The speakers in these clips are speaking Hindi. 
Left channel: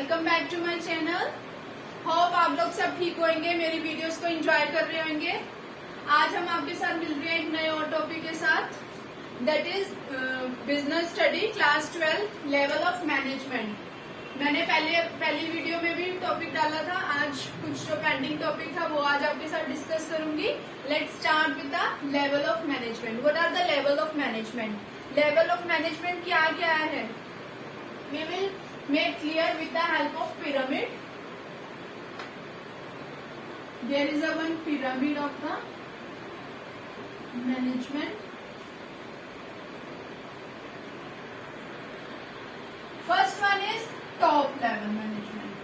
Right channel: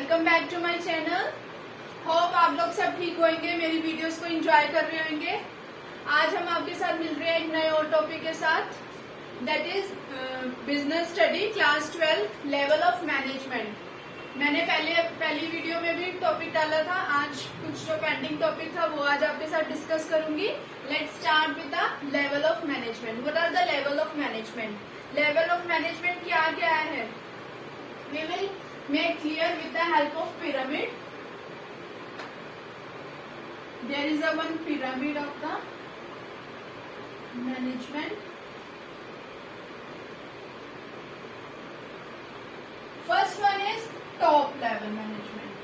Welcome back to my channel. Hope आप लोग सब ठीक होंगे, मेरी वीडियोस को एंजॉय कर रहे होंगे। आज हम आपके साथ मिल रहे हैं एक नए और टॉपिक के साथ, that is business study class 12 level of management. मैंने पहली वीडियो में भी टॉपिक डाला था। आज कुछ जो पेंडिंग टॉपिक था वो आज आपके साथ डिस्कस करूंगी। Let's start with the level of management. What are the level of management? Level of management क्या क्या है? We will make clear with the help of pyramid. There is a one pyramid of the management. First one is top level management.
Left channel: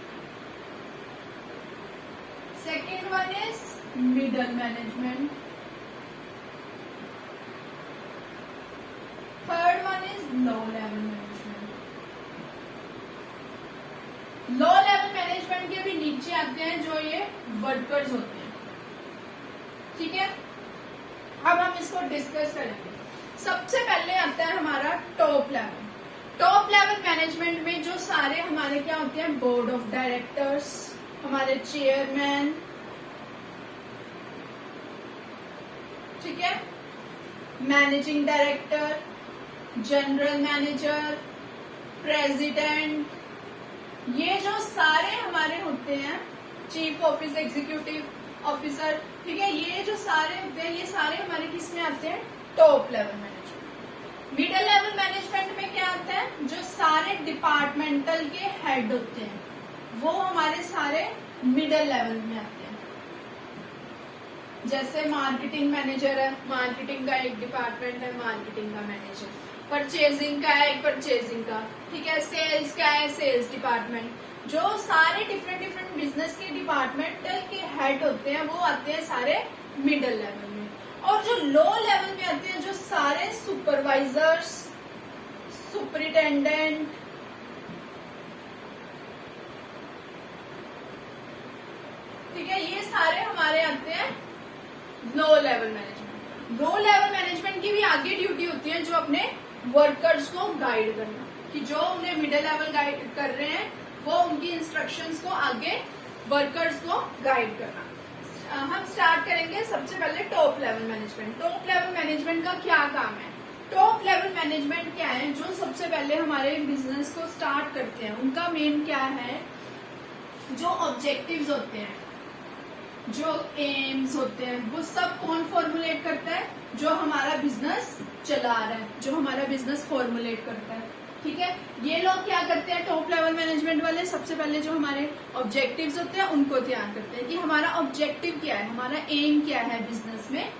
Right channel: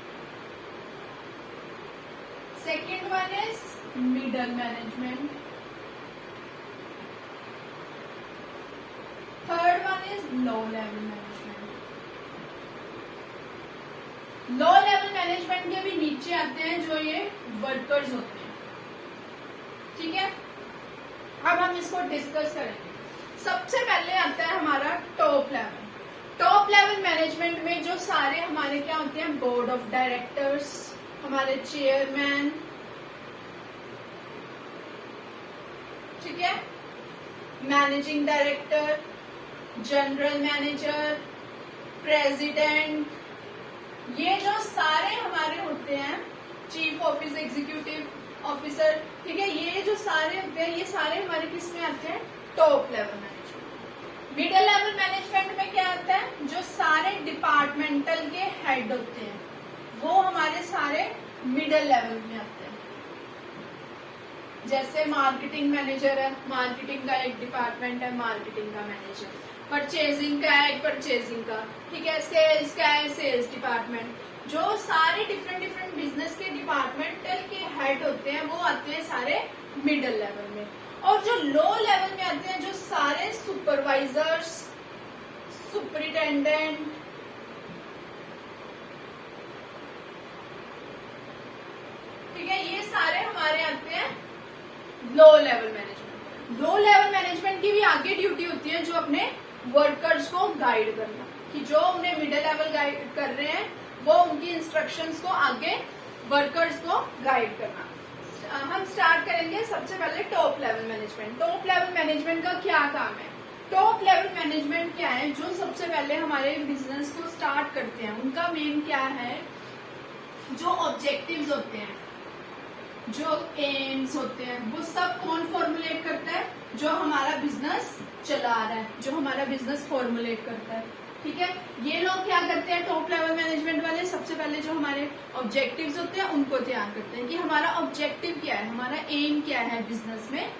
Second one is middle management. Third one is low level management. Low level management के भी नीचे आते हैं जो ये वर्कर्स होते हैं। ठीक है, अब हम इसको डिस्कस करेंगे। सबसे पहले आता है हमारा top level. Top level management में जो सारे हमारे क्या होते हैं, बोर्ड ऑफ डायरेक्टर्स, हमारे चेयरमैन, ठीक है, managing director, general manager, president, ये जो सारे हमारे होते हैं, चीफ ऑफिस एग्जीक्यूटिव ऑफिसर, ठीक है, ये जो सारे होते हैं ये सारे हमारे किस में आते हैं? Top level management. Middle level management में क्या आता है? जो सारे डिपार्टमेंटल के हेड होते हैं वो हमारे सारे मिडिल लेवल में आते हैं। जैसे मार्केटिंग मैनेजर है, मार्केटिंग का एक डिपार्टमेंट है, मार्केटिंग का मैनेजर। परचेजिंग का है, परचेजिंग का, ठीक है। सेल्स क्या है, सेल्स डिपार्टमेंट। जो सारे डिफरेंट बिजनेस के डिपार्टमेंटल के हेड होते हैं वो आते हैं सारे मिडिल लेवल में। और जो लो लेवल में आते हैं जो सारे सुपरवाइजर्स, सुपरिटेंडेंट, ठीक है, ये सारे हमारे आते हैं लो लेवल मैनेजमेंट। लो लेवल मैनेजमेंट की भी आगे ड्यूटी होती है जो अपने वर्कर्स को गाइड करना, कि जो उन्हें मिडिल लेवल गाइड कर रहे हैं वो उनकी इंस्ट्रक्शंस को आगे वर्कर्स को गाइड करना। हम स्टार्ट करेंगे सबसे पहले top level management. Top level management का क्या काम है? टॉप लेवल मैनेजमेंट क्या है? जो सबसे पहले हमारे बिजनेस को स्टार्ट करते हैं उनका मेन क्या है? जो ऑब्जेक्टिव्स होते हैं, जो एम्स होते हैं, वो सब कौन फॉर्मुलेट करता है? जो हमारा बिजनेस चला रहा है, जो हमारा बिजनेस फॉर्मुलेट करता है। ठीक है, ये लोग क्या करते हैं टॉप लेवल मैनेजमेंट वाले? सबसे पहले जो हमारे ऑब्जेक्टिव्स होते हैं उनको तैयार करते हैं कि हमारा ऑब्जेक्टिव क्या है, हमारा एम क्या है बिजनेस में,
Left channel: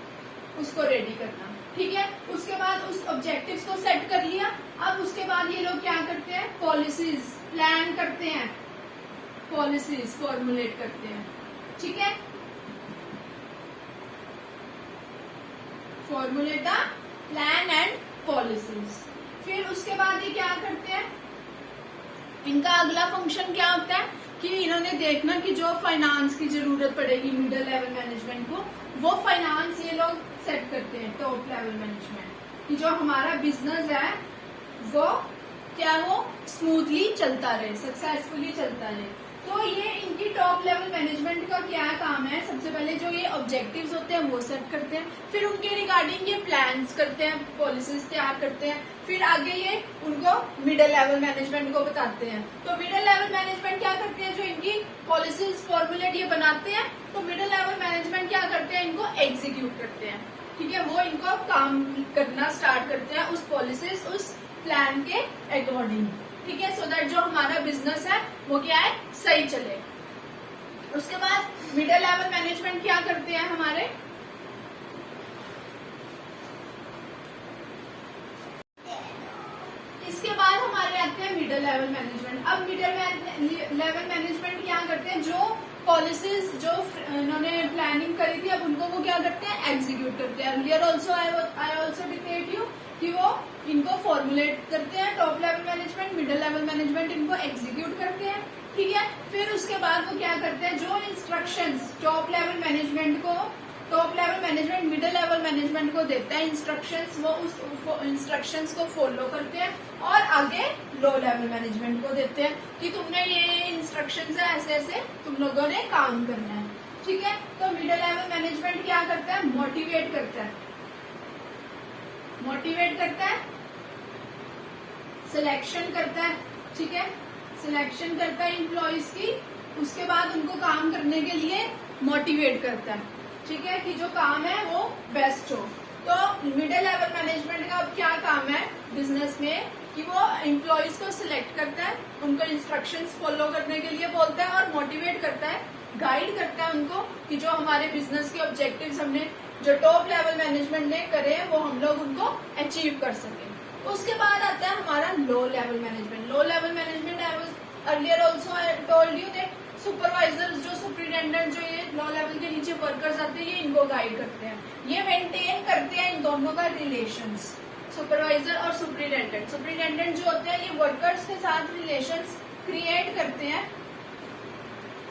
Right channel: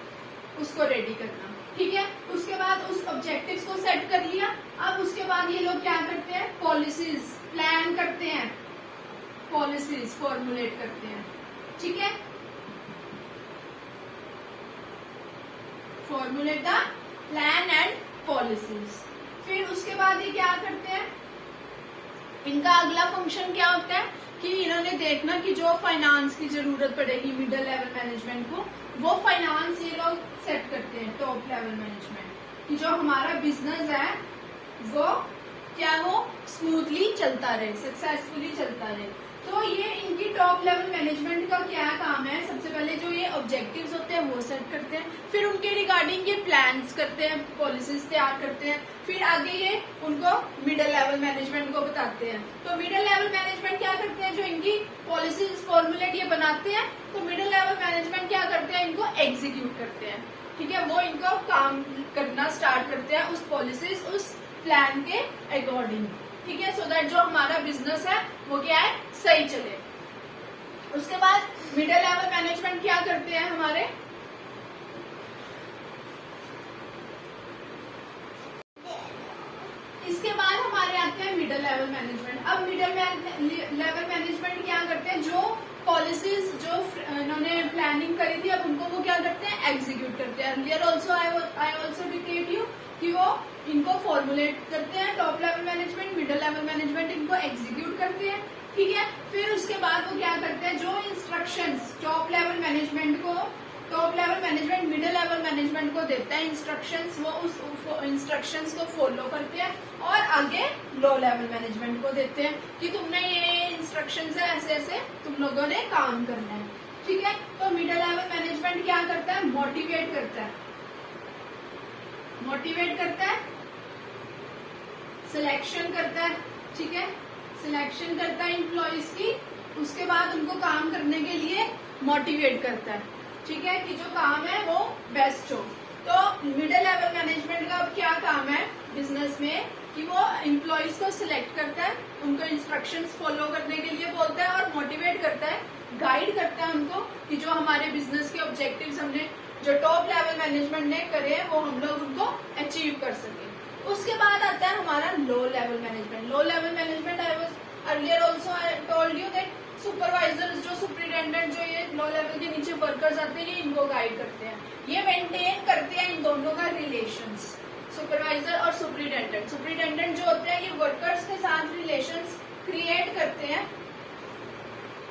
उसको रेडी करना। ठीक है, उसके बाद उस ऑब्जेक्टिव्स को सेट कर लिया। अब उसके बाद ये लोग क्या करते हैं? पॉलिसीज प्लान करते हैं, पॉलिसीज फॉर्मुलेट करते हैं। ठीक है, formulate the plan and policies. फिर उसके बाद ये क्या करते हैं? इनका अगला फंक्शन क्या होता है कि इन्होंने देखना कि जो फाइनेंस की जरूरत पड़ेगी मिडिल लेवल मैनेजमेंट को, वो फाइनेंस ये लोग सेट करते हैं टॉप लेवल मैनेजमेंट, कि जो हमारा बिजनेस है वो क्या हो स्मूथली चलता रहे, सक्सेसफुली चलता रहे। तो ये इनकी टॉप लेवल मैनेजमेंट का क्या काम है? सबसे पहले जो ये ऑब्जेक्टिव्स होते हैं वो सेट करते हैं, फिर उनके रिगार्डिंग ये प्लान्स करते हैं, पॉलिसीज तैयार करते हैं, फिर आगे ये उनको मिडिल लेवल मैनेजमेंट को बताते हैं। तो मिडिल लेवल मैनेजमेंट क्या करते हैं? जो इनकी पॉलिसीज फॉर्मुलेट ये बनाते हैं, तो मिडिल लेवल मैनेजमेंट क्या करते हैं? इनको एग्जीक्यूट करते हैं। ठीक है, वो इनको काम करना स्टार्ट करते हैं उस पॉलिसीज, उस प्लान के अकॉर्डिंग। ठीक है, सो दैट जो हमारा बिजनेस है वो क्या है, सही चले। उसके बाद मिडिल लेवल मैनेजमेंट क्या करते हैं हमारे? इसके बाद हमारे आते हैं मिडिल लेवल मैनेजमेंट। अब मिडिल लेवल मैनेजमेंट क्या करते हैं? जो पॉलिसीज जो इन्होंने प्लानिंग करी थी अब उनको वो क्या करते हैं? एग्जीक्यूट करते हैं। Earlier also I also detailed you कि वो इनको फॉर्मुलेट करते हैं top level management, middle level management इनको एग्जीक्यूट करते हैं। ठीक है, फिर उसके बाद वो क्या करते हैं? जो इंस्ट्रक्शंस टॉप लेवल मैनेजमेंट को top level management middle level management को देता है इंस्ट्रक्शंस, वो उस इंस्ट्रक्शंस को फॉलो करते हैं और आगे लो लेवल मैनेजमेंट को देते हैं कि तुमने ये इंस्ट्रक्शंस है, ऐसे ऐसे तुम लोगों ने काम करना है, ठीक है। तो मिडिल लेवल मैनेजमेंट क्या करता है, मोटिवेट करता है, मोटिवेट करता है, सिलेक्शन करता है, ठीक है, सिलेक्शन करता है एम्प्लॉइज की, उसके बाद उनको काम करने के लिए मोटिवेट करता है, ठीक है, कि जो काम है वो बेस्ट हो। तो मिडिल लेवल मैनेजमेंट का अब क्या काम है बिजनेस में कि वो एम्प्लॉइज को सिलेक्ट करता है, उनको इंस्ट्रक्शंस फॉलो करने के लिए बोलता है और मोटिवेट करता है, गाइड करता है उनको कि जो हमारे बिजनेस के ऑब्जेक्टिव्स हमने जो टॉप लेवल मैनेजमेंट ने करे हैं वो हम लोग उनको अचीव कर सके। उसके बाद आता है हमारा लो level management. Low level management I was earlier also I told you that supervisors जो सुपरिटेंडेंट जो ये लो लेवल के नीचे वर्कर्स आते हैं ये इनको गाइड करते हैं, ये मेंटेन करते हैं इन दोनों का रिलेशंस, सुपरवाइजर और सुपरिटेंडेंट। सुपरिटेंडेंट जो होते हैं ये वर्कर्स के साथ रिलेशंस क्रिएट करते हैं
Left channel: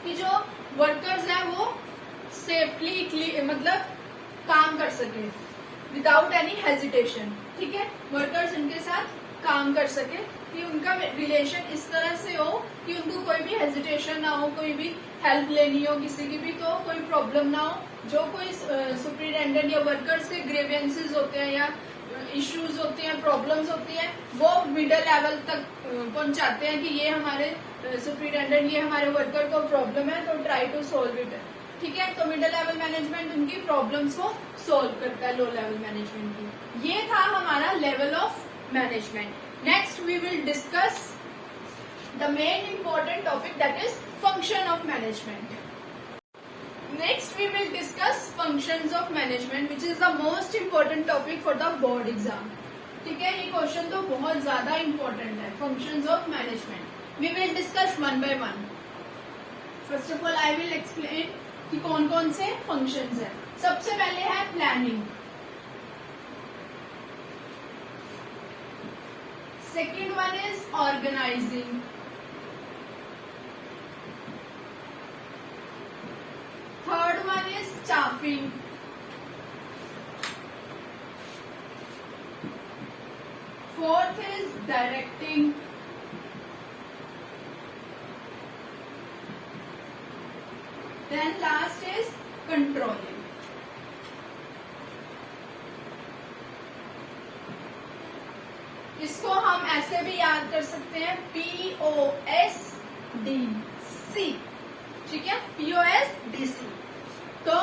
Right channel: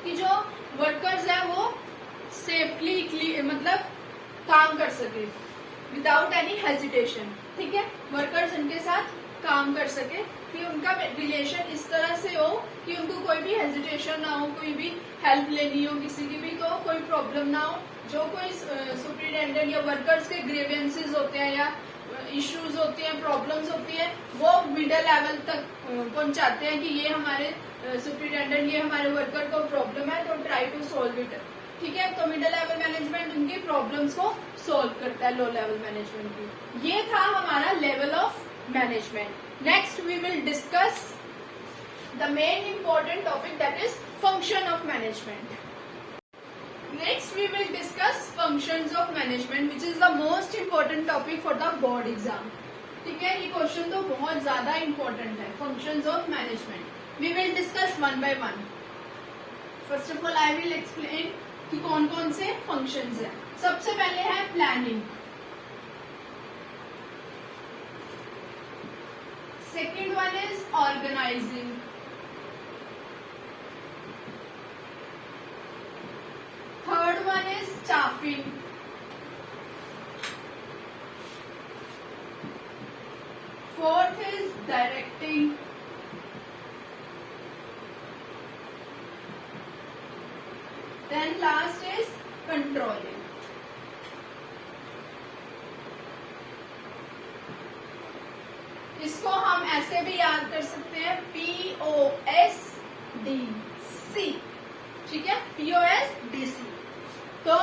कि जो वर्कर्स हैं वो सेफली मतलब काम कर सके विदाउट एनी हेजिटेशन, ठीक है, वर्कर्स उनके साथ काम कर सके कि उनका रिलेशन इस तरह से हो कि उनको कोई भी हेजिटेशन ना हो, कोई भी हेल्प लेनी हो किसी की भी तो कोई प्रॉब्लम ना हो। जो कोई सुपरिटेंडेंट या वर्कर्स के ग्रीवेंसेस होते हैं या इश्यूज होते हैं, प्रॉब्लम्स होती हैं, वो मिडिल लेवल तक पहुंचाते हैं कि ये हमारे सुपरिटेंडेंट ये हमारे वर्कर को प्रॉब्लम है तो ट्राई टू सोल्व इट, ठीक है। तो मिडिल लेवल मैनेजमेंट उनकी प्रॉब्लम्स को सोल्व करता है लो लेवल मैनेजमेंट की। ये था हमारा level of management. Next we will discuss the main important topic that is function of management. Next we will discuss functions of management which is the most important topic for the board exam, ठीक है। ये क्वेश्चन तो बहुत ज्यादा इम्पोर्टेंट है, functions of management. We will discuss one by one. First of all I will explain कि कौन कौन से फंक्शंस हैं। सबसे पहले है planning, second one is organising, third one is staffing, fourth is directing, then last is controlling. इसको हम ऐसे भी याद कर सकते हैं POSDC, ठीक है, POSDC। तो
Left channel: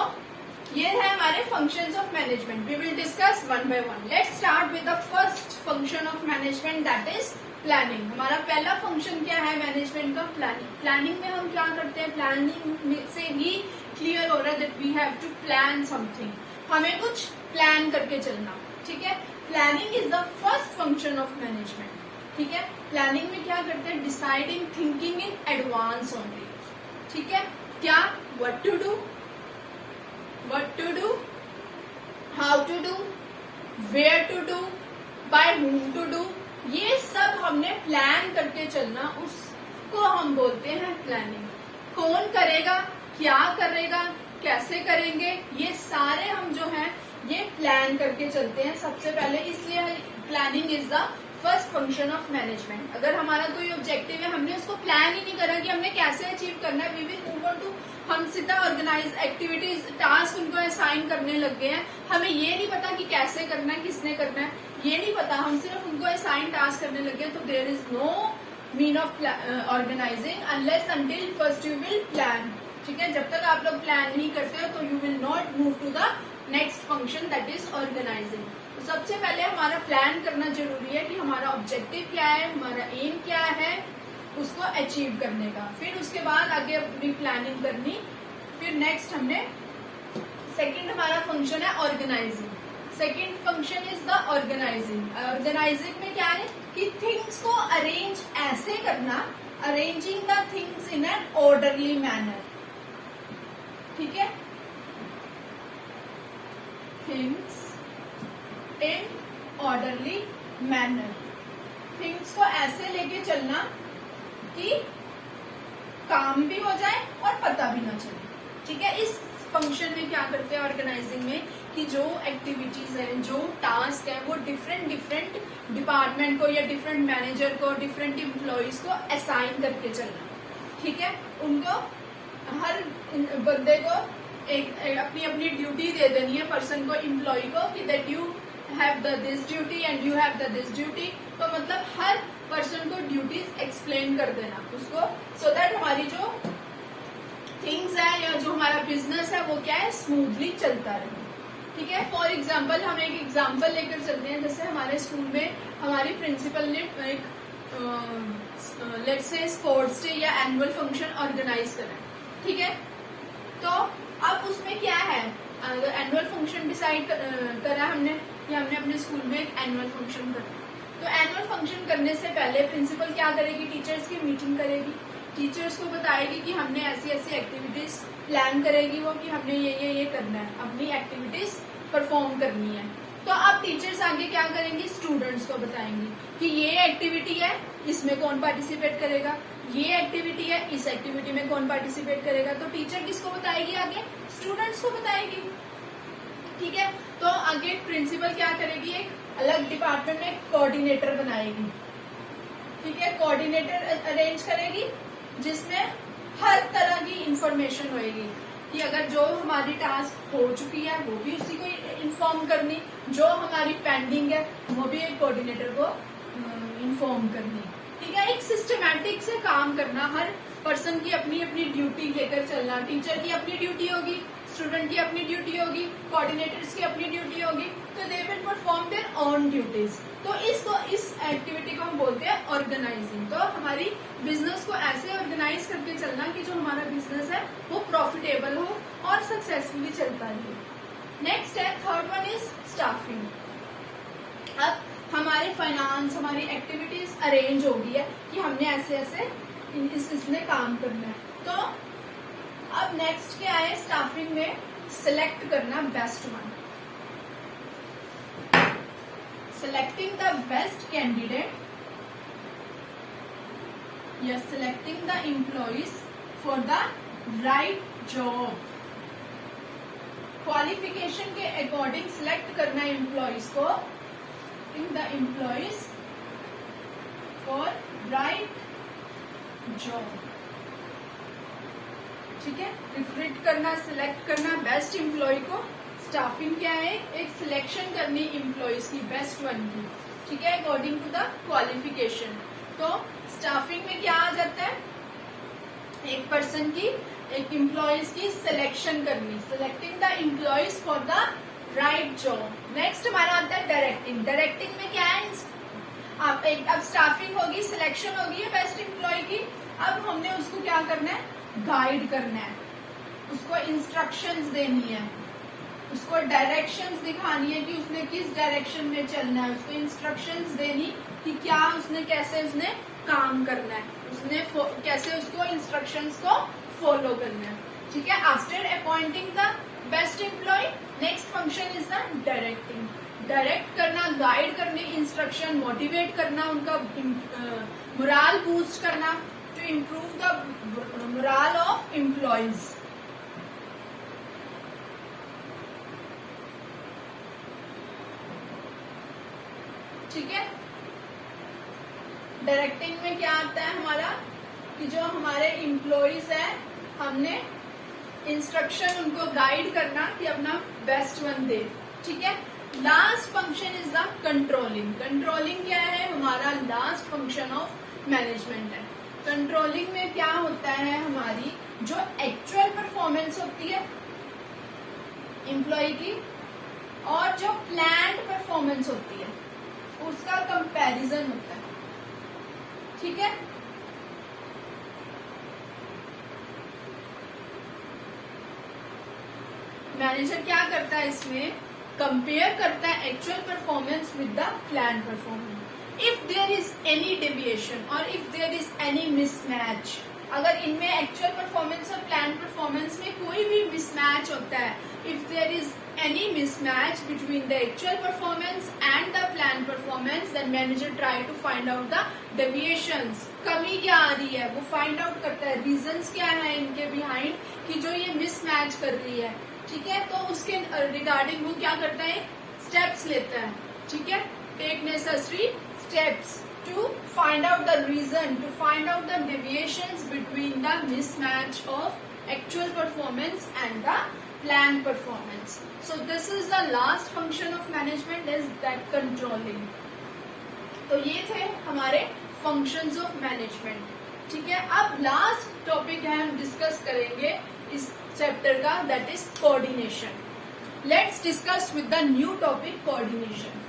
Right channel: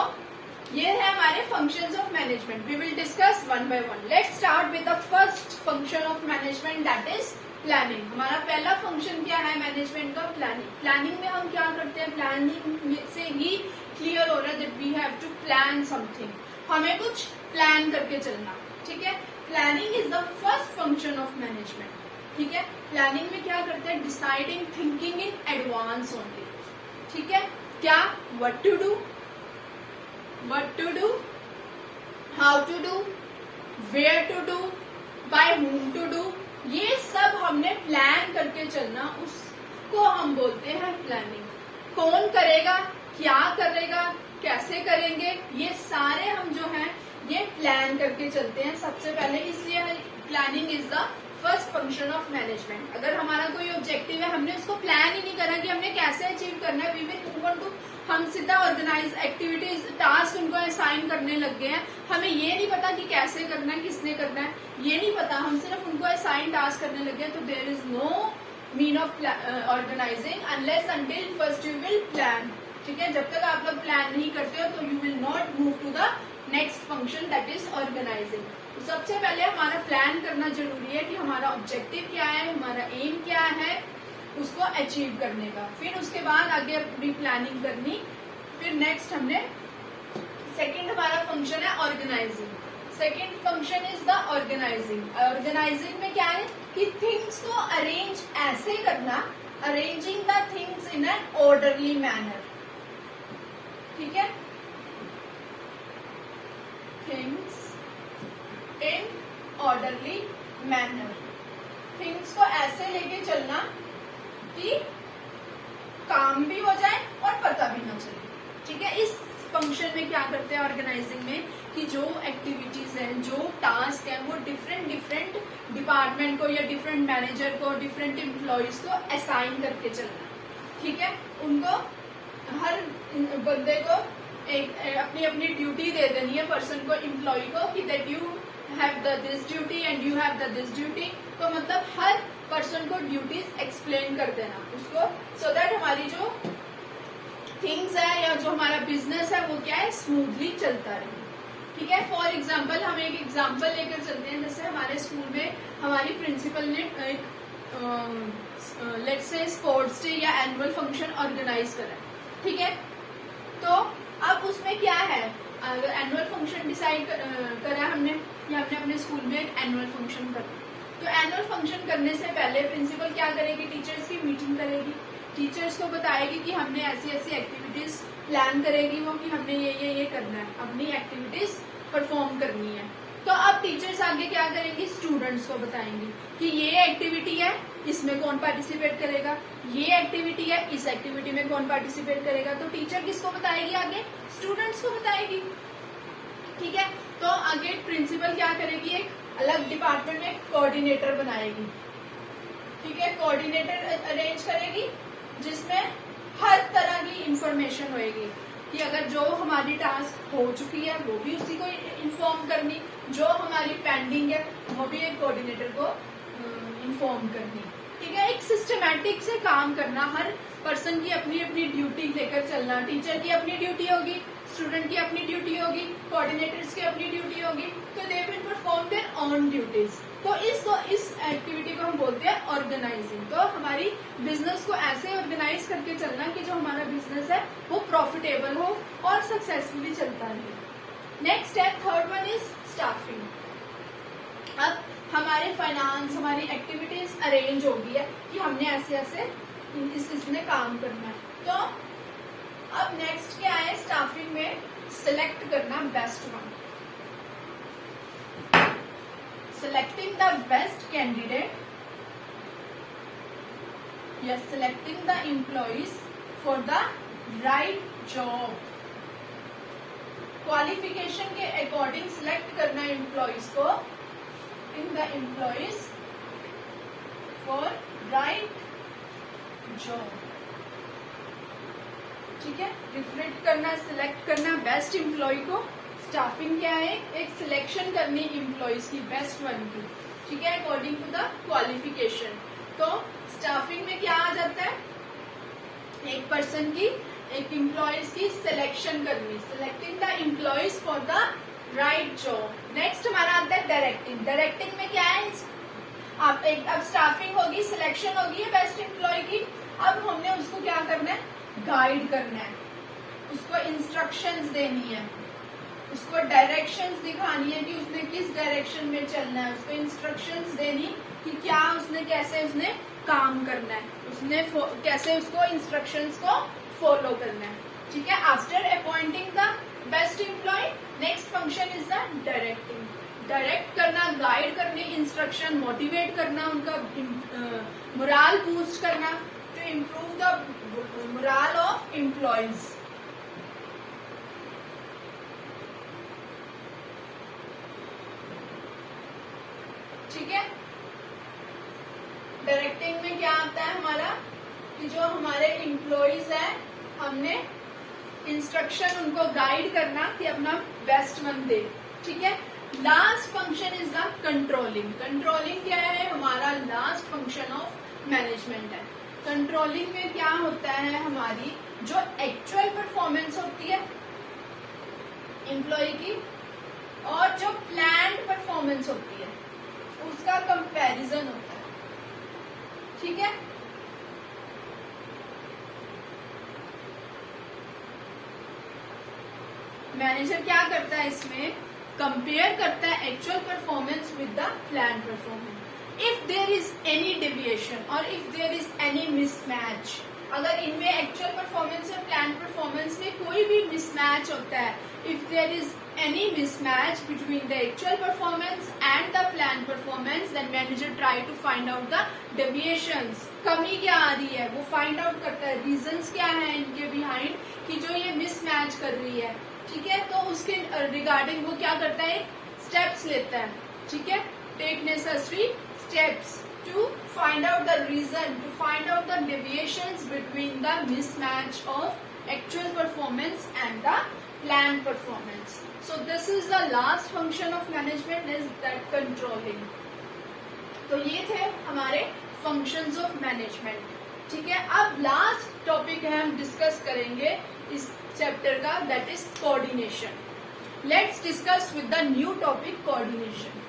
ये है हमारे functions of management. We will discuss one by one. Let's start with the first function of management that is planning. हमारा पहला फंक्शन क्या है मैनेजमेंट का, प्लानिंग। प्लानिंग में हम क्या करते हैं, प्लानिंग से ही क्लियर हो रहा है that we have to plan something, हमें कुछ प्लान करके चलना, ठीक है। Planning is the first function of management, ठीक है। प्लानिंग में क्या करते हैं, deciding, thinking in advance only, ठीक है। क्या, what to do, how to do, where to do, by whom to do, ये सब हमने प्लान करके चलना, उसको हम बोलते हैं प्लानिंग। कौन करेगा, क्या करेगा, कैसे करेंगे, ये सारे हम जो हैं ये प्लान करके चलते हैं सबसे पहले। इसलिए planning is the first function of management. अगर हमारा कोई ऑब्जेक्टिव है, हमने उसको प्लान ही नहीं करा कि हमने कैसे अचीव करना है, we will move on to, हम सीधा ऑर्गेनाइज एक्टिविटीज टास्क उनको असाइन करने लग गए हैं। हमें ये नहीं पता कि कैसे करना है, किसने करना है, ये नहीं पता, हम सिर्फ उनको असाइन टास्क करने लग गए। तो there is no mean of organizing unless until first you will plan, ठीक है। जब तक आप लोग प्लान नहीं करते हो तो you will not move to the next function that is organizing. तो सबसे पहले हमारा प्लान करना जरूरी है कि हमारा ऑब्जेक्टिव क्या है, हमारा एम क्या है, उसको अचीव करने का। फिर उसके बाद आगे अपनी प्लानिंग करनी। फिर नेक्स्ट हमने सेकंड हमारा फंक्शन है organizing. Second function is the organizing. Organizing में क्या है कि थिंग्स को अरेंज ऐसे करना, arranging the things in an orderly manner, ठीक है, things in orderly manner. Things को ऐसे लेके चलना कि काम भी हो जाए और पता भी ना चले, ठीक है। इस फंक्शन में क्या करते हैं ऑर्गेनाइजिंग में कि जो एक्टिविटीज है, जो टास्क है, वो डिफरेंट डिफरेंट डिपार्टमेंट को या डिफरेंट मैनेजर को, डिफरेंट एम्प्लॉयज को असाइन करके चलना, ठीक है। उनको हर बंदे को एक अपनी अपनी ड्यूटी दे देनी है, पर्सन को, एम्प्लॉय को, कि that you have the this duty and you have the this duty. तो मतलब हर पर्सन को ड्यूटीज एक्सप्लेन कर देना उसको, सो दैट हमारी जो थिंग्स है या जो हमारा बिजनेस है वो क्या है, स्मूथली चलता रहे, ठीक है। फॉर एग्जाम्पल हम एक एग्जाम्पल लेकर चलते हैं, जैसे हमारे स्कूल में हमारी प्रिंसिपल ने एक लेट्स से स्पोर्ट्स डे या एनुअल फंक्शन ऑर्गेनाइज करा, ठीक है। तो अब उसमें क्या है, अगर एनुअल फंक्शन डिसाइड करा हमने या हमने अपने स्कूल में एक एनुअल फंक्शन करना, तो एनुअल फंक्शन करने से पहले प्रिंसिपल क्या करेगी, टीचर्स की मीटिंग करेगी, टीचर्स को बताएगी कि हमने ऐसी ऐसी एक्टिविटीज प्लान करेगी वो, कि हमने ये करना है, अपनी एक्टिविटीज परफॉर्म करनी है। तो अब टीचर्स आगे क्या करेंगी, स्टूडेंट्स को बताएंगी कि ये एक्टिविटी है, इसमें कौन पार्टिसिपेट करेगा, ये एक्टिविटी है, इस एक्टिविटी में कौन पार्टिसिपेट करेगा। तो टीचर किसको बताएगी, आगे स्टूडेंट्स को बताएगी, ठीक है। तो आगे प्रिंसिपल क्या करेगी, एक अलग डिपार्टमेंट में कोऑर्डिनेटर बनाएगी, ठीक है। कोऑर्डिनेटर अरेंज करेगी जिसमें हर तरह की इंफॉर्मेशन होएगी, कि अगर जो हमारी टास्क हो चुकी है वो भी उसी को इन्फॉर्म करनी, जो हमारी पेंडिंग है वो भी एक कोऑर्डिनेटर को इन्फॉर्म करनी, ठीक है। एक सिस्टमैटिक से काम करना, हर पर्सन की अपनी अपनी ड्यूटी लेकर चलना, टीचर की अपनी ड्यूटी होगी, स्टूडेंट की अपनी ड्यूटी होगी, कोऑर्डिनेटर्स की अपनी ड्यूटी होगी, तो they will perform their own duties. तो इस एक्टिविटी को हम बोलते हैं ऑर्गेनाइजिंग। तो हमारी बिजनेस को ऐसे ऑर्गेनाइज करके चलना कि जो हमारा बिजनेस है वो प्रॉफिटेबल हो और सक्सेसफुली चलता रहे। नेक्स्ट है, थर्ड वन इज स्टाफिंग। अब हमारे फाइनेंस, हमारी एक्टिविटीज अरेंज हो गई है कि हमने ऐसे ऐसे इसमें काम करना है। तो अब नेक्स्ट क्या है, स्टाफिंग में सिलेक्ट करना best one, selecting the best candidate या selecting the employees for the right job। Qualification के अकॉर्डिंग सिलेक्ट करना एम्प्लॉयज को, in the employees for right job, ठीक है। रिक्रूट करना, सिलेक्ट करना बेस्ट एम्प्लॉय को। स्टाफिंग क्या है, एक सिलेक्शन करनी एम्प्लॉयज की बेस्ट वन की, ठीक है, अकॉर्डिंग टू द क्वालिफिकेशन। तो स्टाफिंग में क्या आ जाता है, एक पर्सन की, एक एम्प्लॉयज की सिलेक्शन करनी, selecting the employees for the right job. Next हमारा आता है डायरेक्टिंग। डायरेक्टिंग में क्या है, अब स्टाफिंग होगी, सिलेक्शन होगी है बेस्ट एम्प्लॉय की, अब हमने उसको क्या करना है, गाइड करना है, उसको इंस्ट्रक्शंस देनी है, उसको डायरेक्शंस दिखानी है कि उसने किस डायरेक्शन में चलना है, उसको इंस्ट्रक्शंस देनी कि क्या उसने, कैसे उसने काम करना है, उसने कैसे उसको इंस्ट्रक्शंस को फॉलो करना है, ठीक है। After appointing the best employ, next function is the directing. Direct करना, गाइड करने, इंस्ट्रक्शन, मोटिवेट करना, उनका मोराल बूस्ट करना, to improve the morale of employees, ठीक है। डायरेक्टिंग में क्या आता है हमारा, कि जो हमारे एम्प्लॉयज हैं हमने इंस्ट्रक्शन उनको गाइड करना कि अपना बेस्ट वन दे, ठीक है। Last function is the controlling. Controlling क्या है, हमारा लास्ट फंक्शन ऑफ मैनेजमेंट है। कंट्रोलिंग में क्या होता है, हमारी जो एक्चुअल परफॉर्मेंस होती है एम्प्लॉय की और जो प्लान्ड परफॉर्मेंस होती है उसका कंपैरिजन होता है, ठीक है। मैनेजर क्या करता है, इसमें कंपेयर करता है actual performance with the plan performance. If there is any deviation और if there is any mismatch, अगर इनमें एक्चुअल परफॉर्मेंस और प्लान परफॉर्मेंस में कोई भी मिसमैच होता है, if there is any mismatch between the actual performance and the planned performance, then manager try to find out the deviations. कमी क्या आ रही है वो फाइंड आउट करता है, रीजंस क्या है इनके बिहाइंड कि जो ये मिसमैच कर रही है, ठीक है। तो उसके रिगार्डिंग वो क्या करता है, स्टेप्स लेता है, ठीक है। Take necessary steps to find out the reason, to find out the deviations between the mismatch of actual performance and the planned performance. So this is the last function of management, is that controlling. तो ये थे हमारे functions of management, ठीक है। अब लास्ट टॉपिक है, हम डिस्कस करेंगे इस चैप्टर का, that is coordination. Let's discuss with the new topic coordination.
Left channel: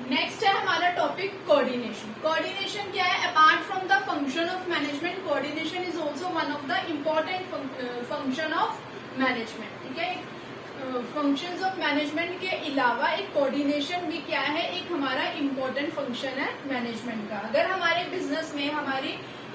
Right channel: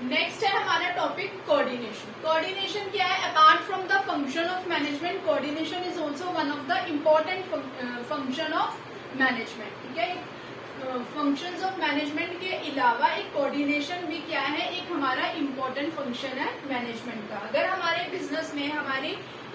Next है हमारा टॉपिक कोऑर्डिनेशन. कोऑर्डिनेशन क्या है, apart from the function of management, coordination is also one of the important function of management, ठीक है। फंक्शंस ऑफ मैनेजमेंट के अलावा एक कोऑर्डिनेशन भी क्या है, एक हमारा इम्पोर्टेंट फंक्शन है मैनेजमेंट का. अगर हमारे बिजनेस में हमारी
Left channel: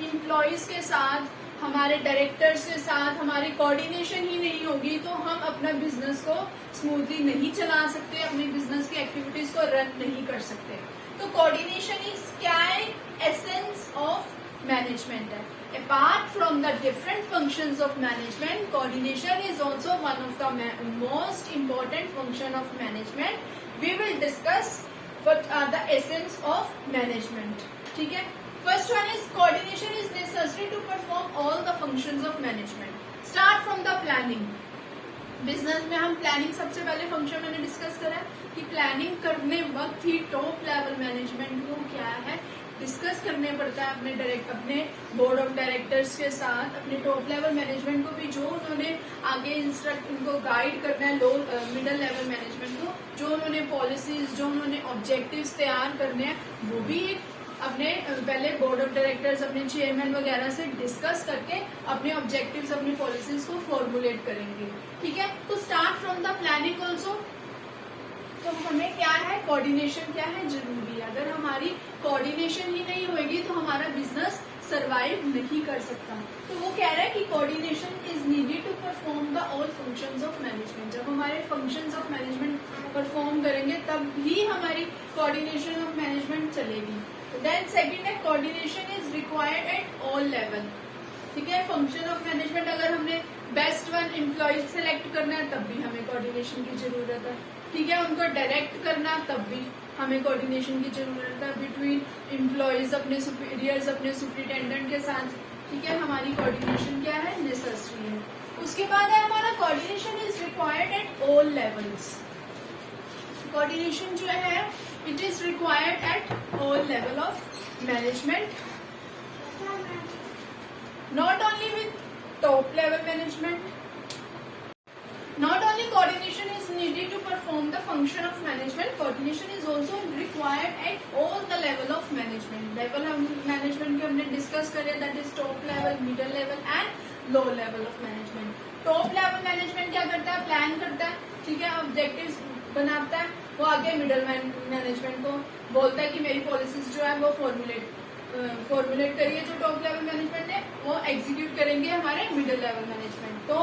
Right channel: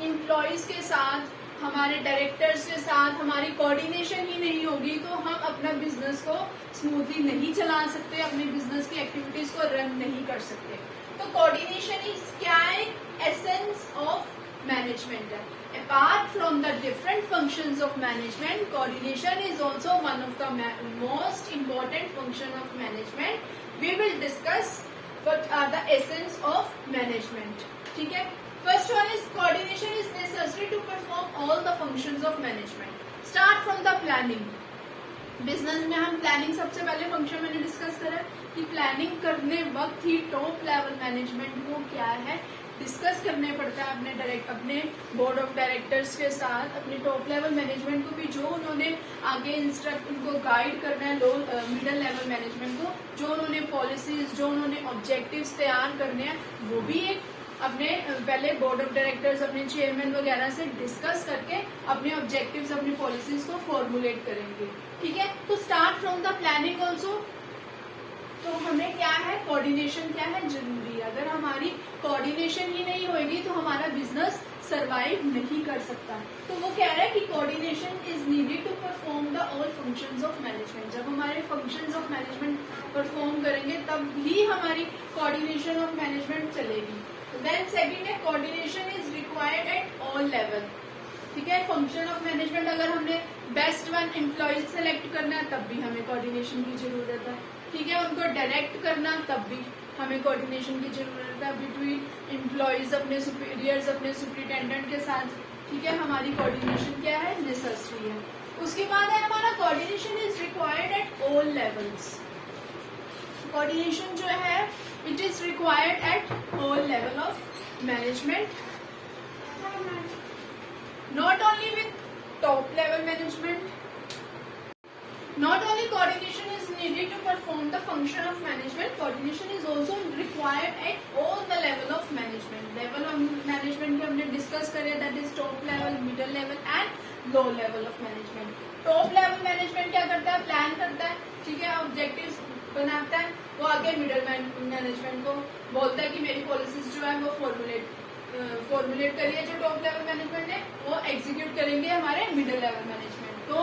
एम्प्लॉयज के साथ, हमारे डायरेक्टर्स के साथ हमारी कोऑर्डिनेशन ही नहीं होगी तो हम अपने बिजनेस को स्मूथली नहीं चला सकते, अपने बिजनेस की एक्टिविटीज को रन नहीं कर सकते. तो कोऑर्डिनेशन इज क्या है, एसेंस ऑफ मैनेजमेंट है. Apart from the different functions of management, coordination is also one of the most important function of management. We will discuss what are the essence of management. ठीक है. First one is coordination is necessary to perform all the functions of management. Start from the planning. Business में हम प्लानिंग सबसे पहले फंक्शन मैंने डिस्कस करा कि प्लानिंग करने वक्त ही टॉप लेवल मैनेजमेंट को क्या है डिस्कस करने पड़ता है अपने बोर्ड ऑफ डायरेक्टर्स के साथ, अपने टॉप लेवल मैनेजमेंट को भी, जो उन्होंने आगे इंस्ट्रक्ट उनको गाइड करना है, लो मिडिल लेवल मैनेजमेंट को, जो उन्होंने पॉलिसीज, जो उन्होंने ऑब्जेक्टिव्स तैयार करने हैं, वो भी एक अपने पहले बोर्ड ऑफ डायरेक्टर्स, अपने चेयरमैन वगैरह से डिस्कस करके अपने ऑब्जेक्टिव्स, अपनी पॉलिसीज को फॉर्मुलेट करेंगे. ठीक है. तो start from the planning also. तो हमें क्या है, कोऑर्डिनेशन क्या है, जरूरी है. अगर हमारी कोऑर्डिनेशन ही नहीं होगी तो हमारा बिजनेस सरवाइव नहीं कर सकता. तो वो कह रहा है कि coordination is needed to perform the all functions of management. जब हमारे फंक्शंस ऑफ मैनेजमेंट परफॉर्म करेंगे तब ही हमारी कोऑर्डिनेशन ऑफ मैनेजमेंट चलेगी. देन सेकंड है, coordination is required at all level. ठीक है. फंक्शन ऑफ मैनेजमेंट, अगर हमने बेस्ट वन एम्प्लॉयज सेलेक्ट करना है तब भी हमें कोऑर्डिनेशन की जरूरत है. ठीक है. उनको डायरेक्ट करना तब भी हमें कोऑर्डिनेशन की जरूरत है. बिटवीन एम्प्लॉयज, अपने सुपीरियर्स, अपने सुपरिटेंडेंट के साथ. ठीक है. हमारी कोऑर्डिनेशन क्या है, नेसेसरी है. उसके बाद है हमारा coordination is required at all levels. Coordination जो है it is required at all level of management, not only with top level management. Not only coordination is needed to perform the function of management, coordination is also required at all the level of management. Level of management की हमने discuss करे, that is top level, middle level and low level of management. Top level management क्या करता है, प्लान करता है. ठीक है. ऑब्जेक्टिव्स बनाता है. वो आगे मिडल मैनेजमेंट को बोलता है कि मेरी पॉलिसीज जो है वो फॉर्मुलेट करिए. जो टॉप लेवल मैनेजमेंट है वो एग्जीक्यूट करेंगे हमारे मिडिल लेवल मैनेजमेंट. तो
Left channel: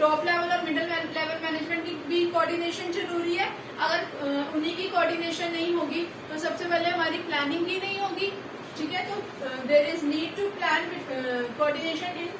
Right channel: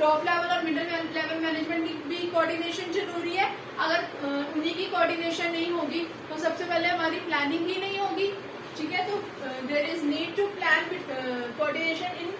टॉप लेवल और मिडिल लेवल मैनेजमेंट की भी कोऑर्डिनेशन जरूरी है. अगर उन्हीं की कोऑर्डिनेशन नहीं होगी तो सबसे पहले हमारी प्लानिंग ही नहीं होगी. ठीक है. तो there is need to plan with coordination in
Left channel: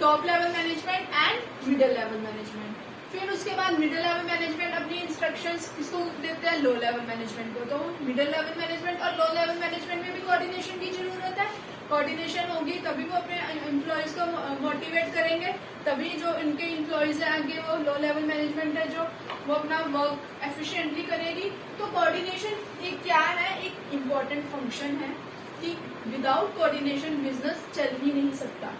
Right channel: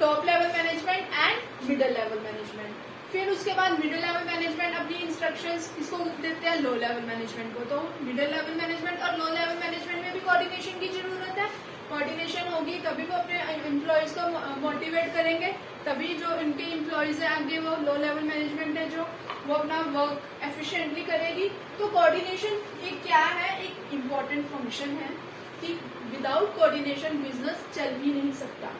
top level management and middle level management. फिर उसके बाद मिडिल लेवल मैनेजमेंट अपनी इंस्ट्रक्शंस किसको देते हैं, लो लेवल मैनेजमेंट को. तो मिडिल लेवल मैनेजमेंट और लो लेवल मैनेजमेंट में भी कोऑर्डिनेशन की जरूरत है. कोऑर्डिनेशन होगी तभी वो अपने एम्प्लॉयज को मोटिवेट करेंगे, तभी जो इनके एम्प्लॉयज है आगे वो लो लेवल मैनेजमेंट है जो वो अपना वर्क एफिशिएंटली करेगी. तो कोऑर्डिनेशन एक क्या है, एक इम्पोर्टेंट फंक्शन है कि विदाउट कोऑर्डिनेशन बिजनेस चल ही नहीं सकता.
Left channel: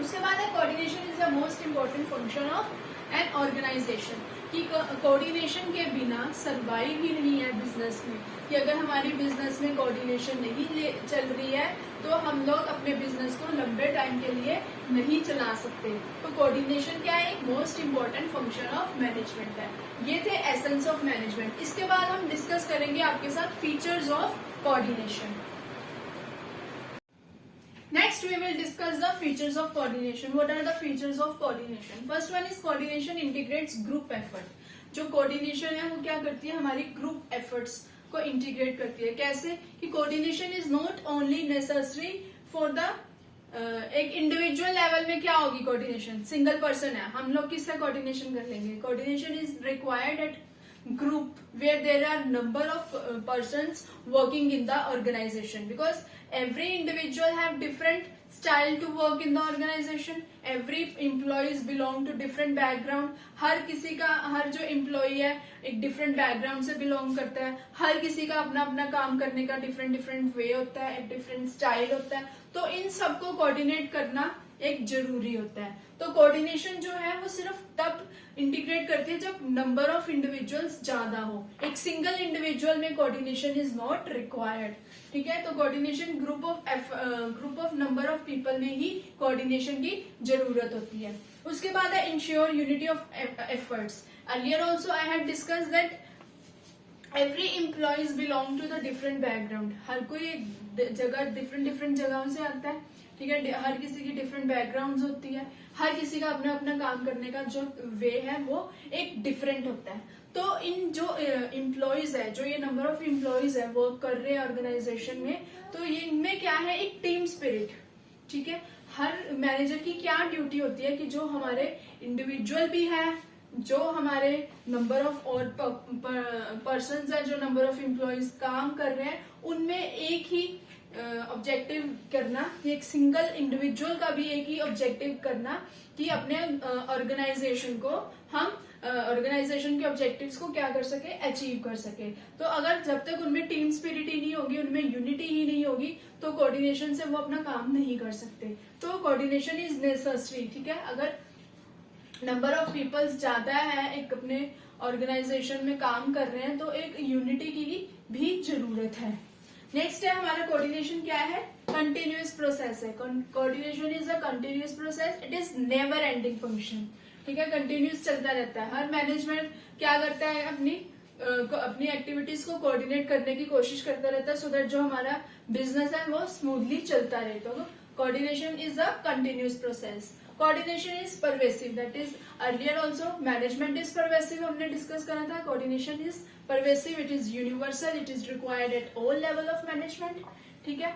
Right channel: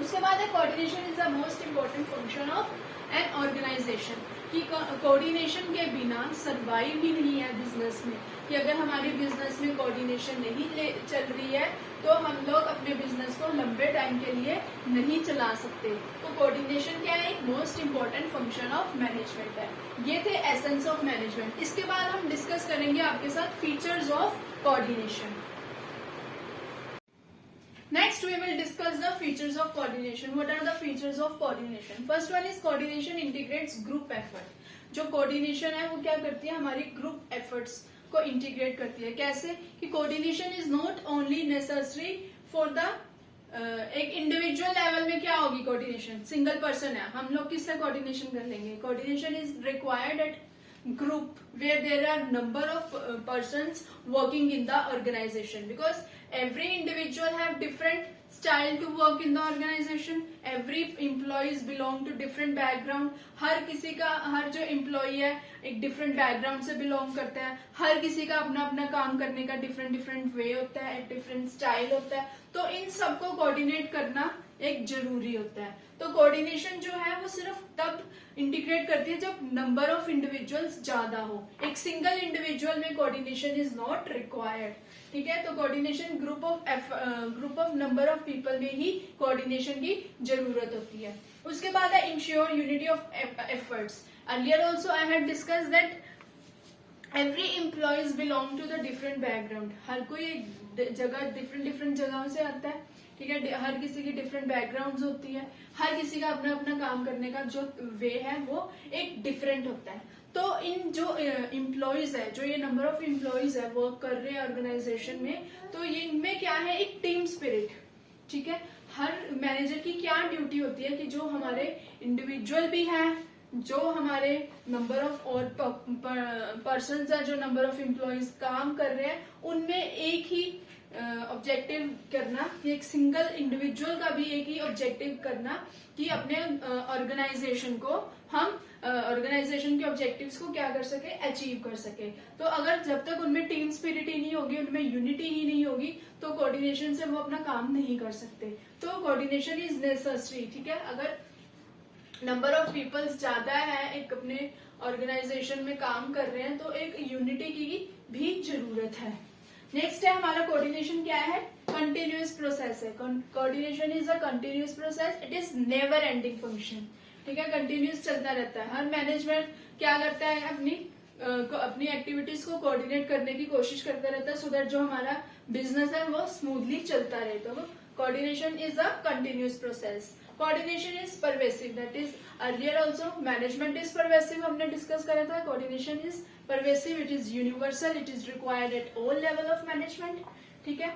उसके बाद है coordination is the most important function of an organization. कि कोऑर्डिनेशन के बिना सर्वाइव ही नहीं है बिजनेस में. कि अगर हमारी बिजनेस में कोऑर्डिनेशन नहीं चल रही है तो हम लोग अपने बिजनेस को लंबे टाइम के लिए नहीं चला सकते. तो कोऑर्डिनेशन क्या है, एक most important function of management है. ये थे एसेंस ऑफ मैनेजमेंट. इसके बाद हम डिस्कस करेंगे आपके साथ features of coordination. Next, we will discuss the features of coordination. What are the features of coordination? First one is coordination integrates group effort. जो coordination है वो क्या करती है, हमारी group efforts को integrate करती है. कैसे कि coordination is not only necessary for the एक इंडिविजुअल लेवल में क्या होगी कोऑर्डिनेशन, सिंगल पर्सन है, हम लोग किससे कोऑर्डिनेशन कर लेंगे. Coordination is required at group where there are number of persons working in the organization, because every individual have different style to work in the organization. Every employees belong to different background. हर किसी का, हर जो employee है एक different background से belong करता है. हर किसी का अपना अपना काम करने का different way होता है, एक different style होता है. तो इन सबको coordinate करना एक जरूरी होता है. तो कोऑर्डिनेशन जो है वो सिर्फ तब इंटीग्रेट करती है जब नंबर ऑफ इंडिविजुअल्स ज्यादा हो. एक सिंगल इंडिविजुअल में कोऑर्डिनेशन इज नॉट रिक्वायर्ड. ठीक है, तो coordination group of number of people में ही कोऑर्डिनेशन की जरूरत होती है. उसके बाद है ensure unity of efforts. Earlier also I had discuss that every employees belong to the different background. हर कोई जगह डिफरेंट जगहों से आता है. ठीक है, हर किसी की डिफरेंट बैकग्राउंड्स होती है. हर किसी का अपना अपना काम करने का जो वे है वो एक डिफरेंट होता है. तो इन जो एम्प्लॉयज है, जो ये नंबर ऑफ एम्प्लॉयज है वर्क कर रहे हैं ऑर्गेनाइजेशन में, तो ये इनमें क्या है, एक टीम स्पिरिट. ठीक है, हर मैनेजर की क्या ड्यूटी होती है कि जो हमारे इंडिविजुअल भी है, जो हमारे नंबर ऑफ और पर्सन है, जो नंबर ऑफ एम्प्लॉयज काम कर रहे हैं, उनमें एक ही ऑब्जेक्टिव करना, एक सिंगल इंडिविजुअल का भी एक ही ऑब्जेक्टिव करना कि अपने ऑर्गेनाइजेशन को हम ऑर्गेनाइजेशन के ऑब्जेक्टिव्स को क्या कर सके, अचीव कर सके. तो अगर जब तक उनमें टीम स्पिरिट ही नहीं होगी, उनमें यूनिटी ही नहीं होगी, तो कोऑर्डिनेशन से वो अपना काम नहीं कर सकते. तो कोऑर्डिनेशन इज नेसेसरी. ठीक है, अगर नंबर ऑफ पीपल्स ज्यादा है, एक अपने ऑर्गेनाइजेशन में काम कर रहे हैं, तो एक यूनिटी की भी जरूरत है. नेक्स्ट है हमारा कोऑर्डिनेशन क्या है, कंटिन्यूअस प्रोसेस है. Coordination is a continuous process, it is never ending function. ठीक है, कंटिन्यूअस चलता रहता है. हर मैनेजमेंट क्या करता है, अपनी एक्टिविटीज को कोऑर्डिनेट करने की कोशिश करता रहता है, सो दैट जो हमारा बिजनेस है वो स्मूथली चलता रहे. तो coordination is a continuous process. Coordination is pervasive, that is earlier also management is pervasive, हमने डिस्कस करा था. Coordination is pervasive, it is universal, it is required at all level of management. ठीक है,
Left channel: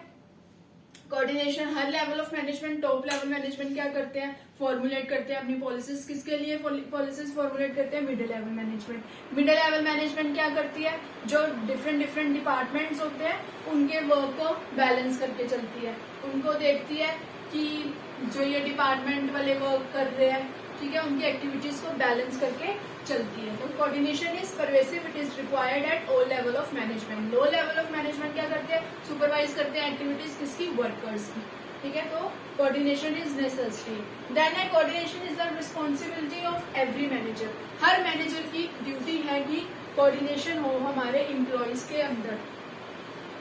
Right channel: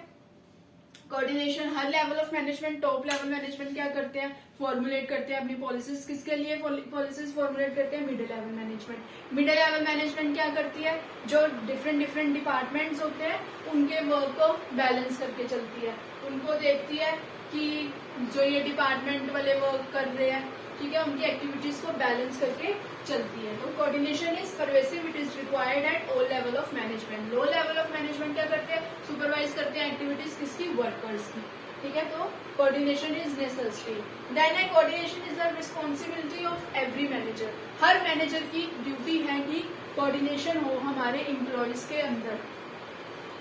coordination her level of management, top level management क्या करते हैं, फॉर्मुलेट करते हैं अपनी पॉलिसीज. किसके लिए पॉलिसीज फॉर्मुलेट करते हैं, middle level management. Middle level management क्या करती है, जो डिफरेंट डिपार्टमेंट्स होते हैं उनके वर्क को बैलेंस करके चलती है. उनको देखती है कि जो ये डिपार्टमेंट वाले वर्क कर रहे हैं, ठीक है, उनकी एक्टिविटीज को बैलेंस करके चलती है. तो coordination is pervasive, it is required at all level of management. Low level of management क्या करते हैं, सुपरवाइज करते हैं एक्टिविटीज किसकी, वर्कर्स की. ठीक है, तो कोऑर्डिनेशन इज नेसेसरी. देन है coordination is the responsibility of every manager. Her manager की ड्यूटी है कि कोऑर्डिनेशन हो हमारे एम्प्लॉयज के अंदर.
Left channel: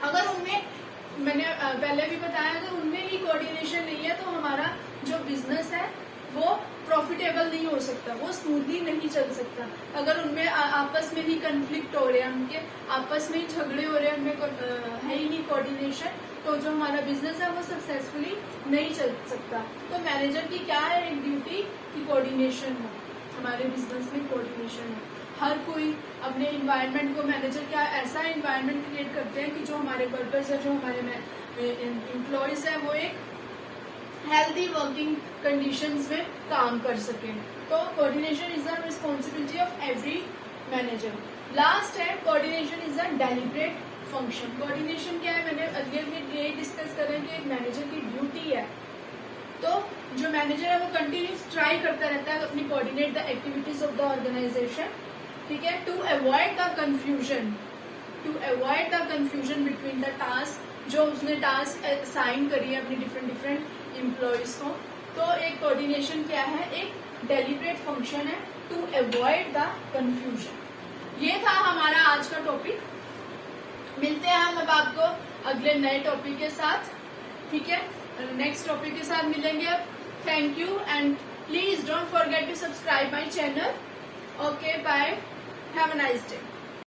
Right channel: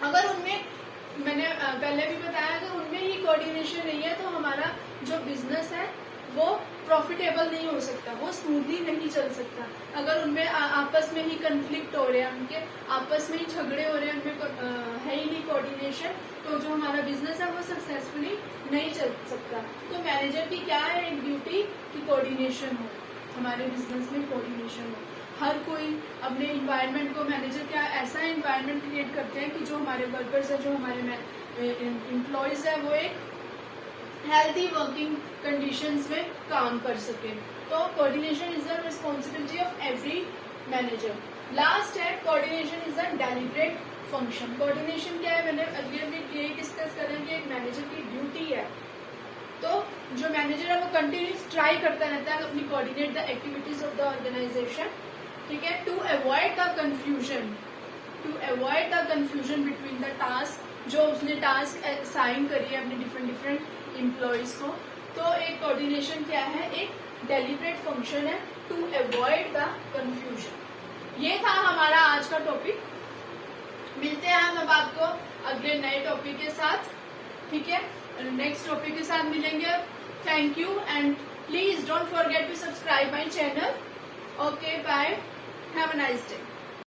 अगर उनमें, मैंने पहले भी बताया, अगर उनमें ही कोऑर्डिनेशन नहीं है तो हमारा जो बिजनेस है वो प्रॉफिटेबल नहीं हो सकता, वो स्मूथली नहीं चल सकता. अगर उनमें आपस में ही कंफ्लिक्ट हो रहे हैं, उनके आपस में ही झगड़े हो रहे हैं, उनमें है ही नहीं कोऑर्डिनेशन, तो जो हमारा बिजनेस है वो सक्सेसफुली नहीं चल सकता. तो मैनेजर की क्या है एक ड्यूटी कि कोऑर्डिनेशन हो, हमारे बिजनेस में कोऑर्डिनेशन हो. हर कोई अपने इन्वायरमेंट को, मैनेजर क्या ऐसा इन्वायरमेंट क्रिएट करते हैं कि जो हमारे वर्कर्स है, जो हमारे एम्प्लॉयज है, वो एक हेल्थी वर्किंग कंडीशंस में काम कर सके. तो coordination is the responsibility of every manager. Last है coordination is a deliberate function. Coordination क्या है, मैंने अर्लियर में ये डिस्कस करें कि एक मैनेजर की ड्यूटी है. तो जो मैनेजर है वो कंटिन्यूस ट्राई करता रहता है अपनी coordinate the activities of the organization. ठीक है, to avoid the confusion between the task, जो उसने टास्क असाइन करी है अपनी डिफरेंट एम्प्लॉयज को. तो एक कोऑर्डिनेशन क्या है, एक डेलिब्रेट फंक्शन है टू अवॉइड द कंफ्यूजन. ये था हमारा आज का टॉपिक. मिलते हैं हम अब आपको अगले नए टॉपिक के साथ. ठीक है, नेक्स्ट टॉपिक के साथ मिलेंगे. Thank you and please don't forget to subscribe my channel. Okay, bye, have a nice day.